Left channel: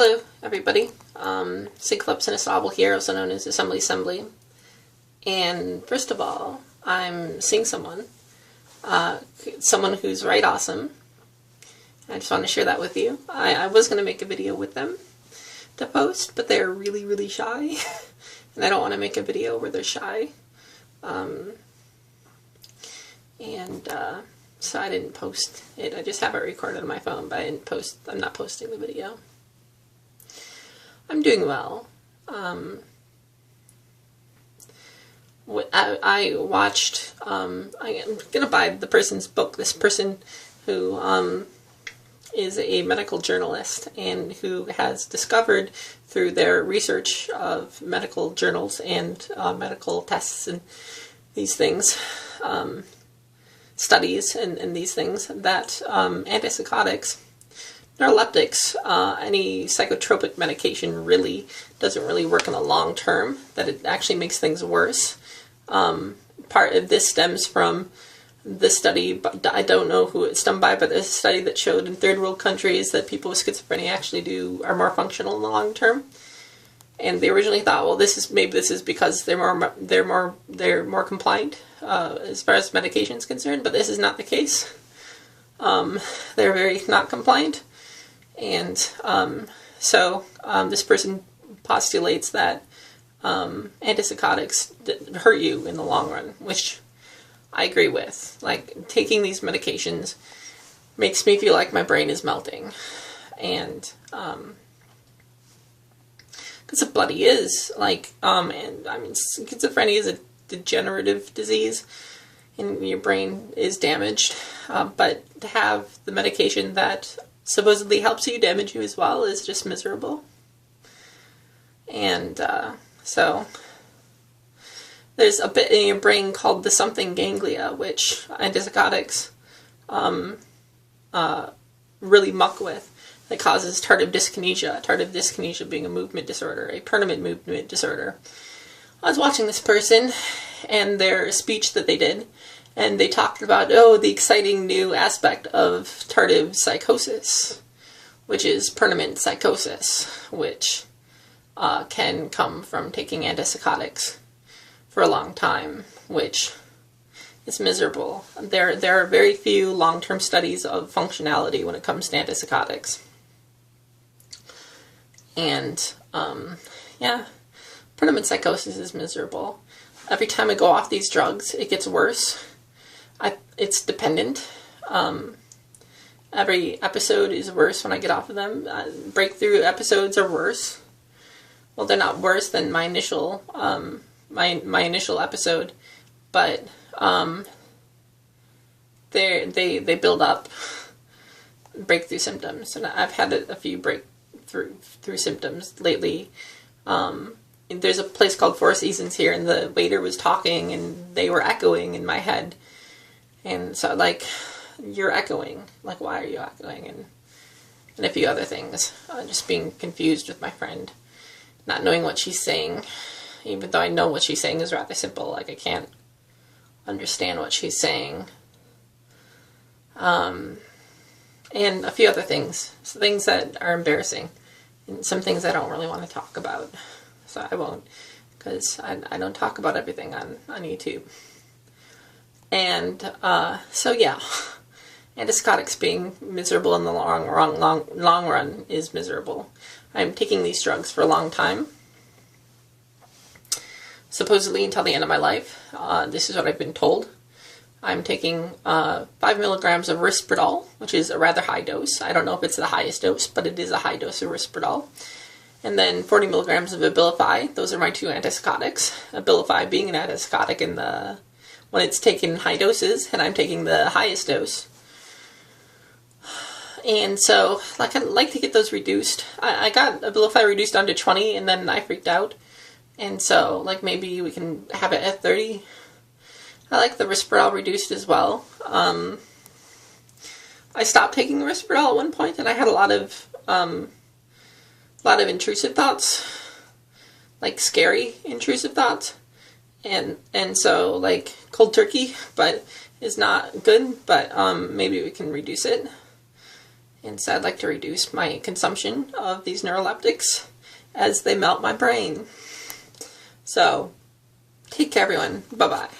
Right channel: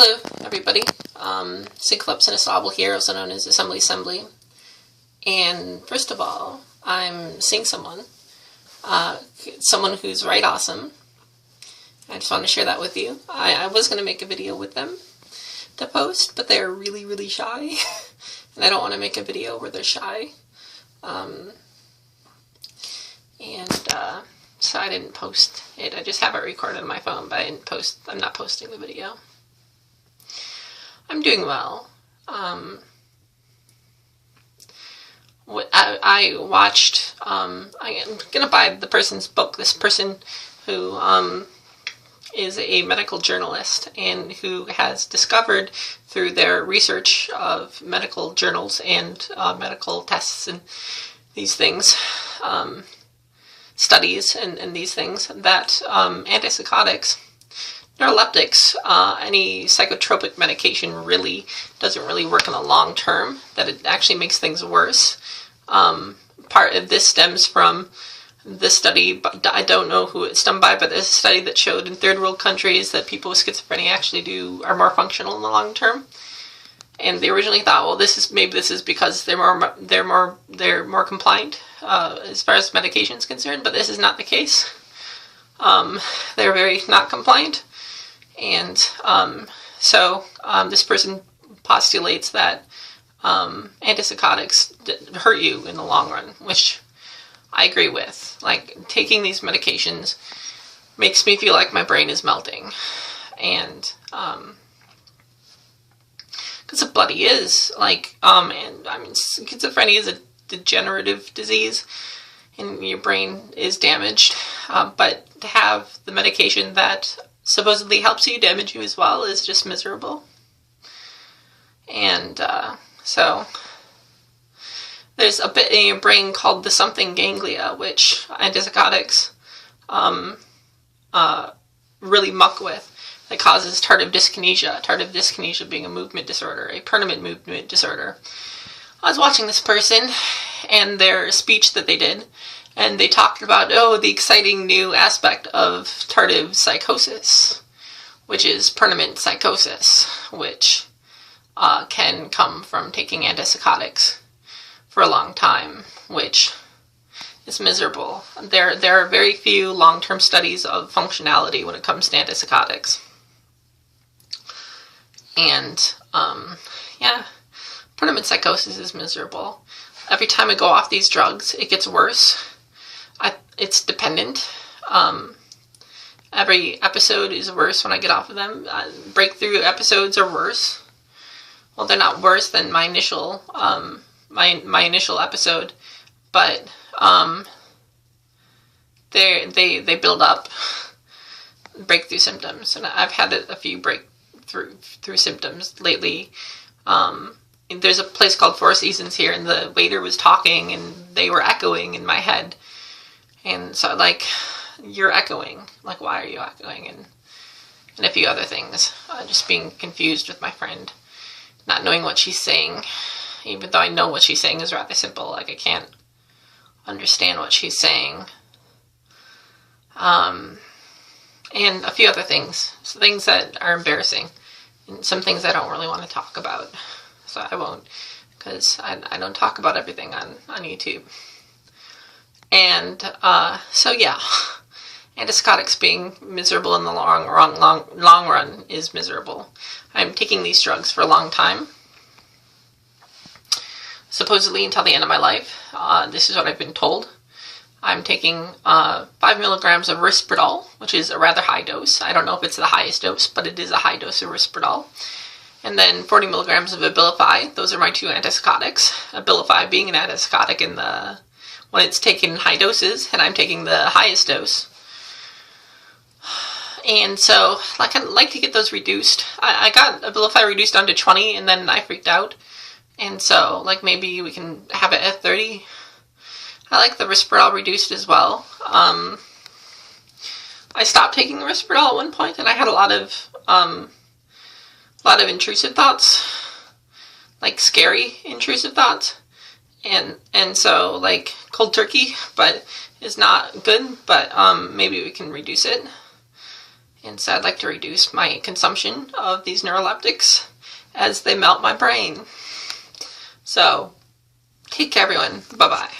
Hello, everybody. Cyclops and Asable here, also known as Assembly. And first of all, I'm seeing someone who's right awesome. I just want to share that with you. I was going to make a video with them to post, but they're really, really shy. And I don't want to make a video where they're shy. So I didn't post it. I just have it recorded on my phone, but I'm not posting the video. I'm doing well. I watched, I'm going to buy the person's book, this person who is a medical journalist and who has discovered through their research of medical journals and medical tests and these things, studies and these things, that antipsychotics, neuroleptics, any psychotropic medication really doesn't really work in the long term, that it actually makes things worse. Part of this stems from the study, but I don't know who it's done by, but there's a study that showed in third world countries that people with schizophrenia actually are more functional in the long term. And they originally thought, well, maybe this is because they're more compliant as far as medication is concerned, but this is not the case. They're very not compliant. And so this person postulates that antipsychotics hurt you in the long run, which I agree with. Like, taking these medications makes me feel like my brain is melting. And because it bloody is. Like, and I mean, schizophrenia is a degenerative disease, and your brain is damaged. But to have the medication that supposedly helps you damage you as well is just miserable. And so there's a bit in your brain called the something ganglia, which antipsychotics really muck with. That causes tardive dyskinesia being a movement disorder, a permanent movement disorder. I was watching this person and their speech that they did, and they talked about, the exciting new aspect of tardive psychosis, which is permanent psychosis, which can come from taking antipsychotics for a long time, which is miserable. There are very few long-term studies of functionality when it comes to antipsychotics. And, permanent psychosis is miserable. Every time I go off these drugs, it gets worse. It's dependent. Every episode is worse when I get off of them. Breakthrough episodes are worse. Well, they're not worse than my initial episode, but they build up breakthrough symptoms, and I've had a few breakthrough symptoms lately. There's a place called Four Seasons here, and the waiter was talking, and they were echoing in my head, and so like, you're echoing. Like, why are you echoing? And a few other things. Just being confused with my friend, not knowing what she's saying, even though I know what she's saying is rather simple. Like, I can't understand what she's saying. And a few other things. Some things that are embarrassing, and some things I don't really want to talk about. So I won't, because I don't talk about everything on YouTube. And, so yeah, antipsychotics being miserable in the long run is miserable. I'm taking these drugs for a long time, supposedly until the end of my life. This is what I've been told. I'm taking 5 milligrams of Risperdal, which is a rather high dose. I don't know if it's the highest dose, but it is a high dose of Risperdal. And then 40 milligrams of Abilify. Those are my two antipsychotics. Abilify being an antipsychotic when it's taken in high doses, and I'm taking the highest dose. And so, like, I'd like to get those reduced. I got Abilify reduced down to 20, and then I freaked out. And so, like, maybe we can have it at 30. I like the Risperdal reduced as well. I stopped taking the Risperdal at one point, and I had a lot of intrusive thoughts, like scary intrusive thoughts, and so, like, cold turkey, but is not good. But maybe we can reduce it. And so I'd like to reduce my consumption of these neuroleptics as they melt my brain. So, take care everyone. Bye-bye.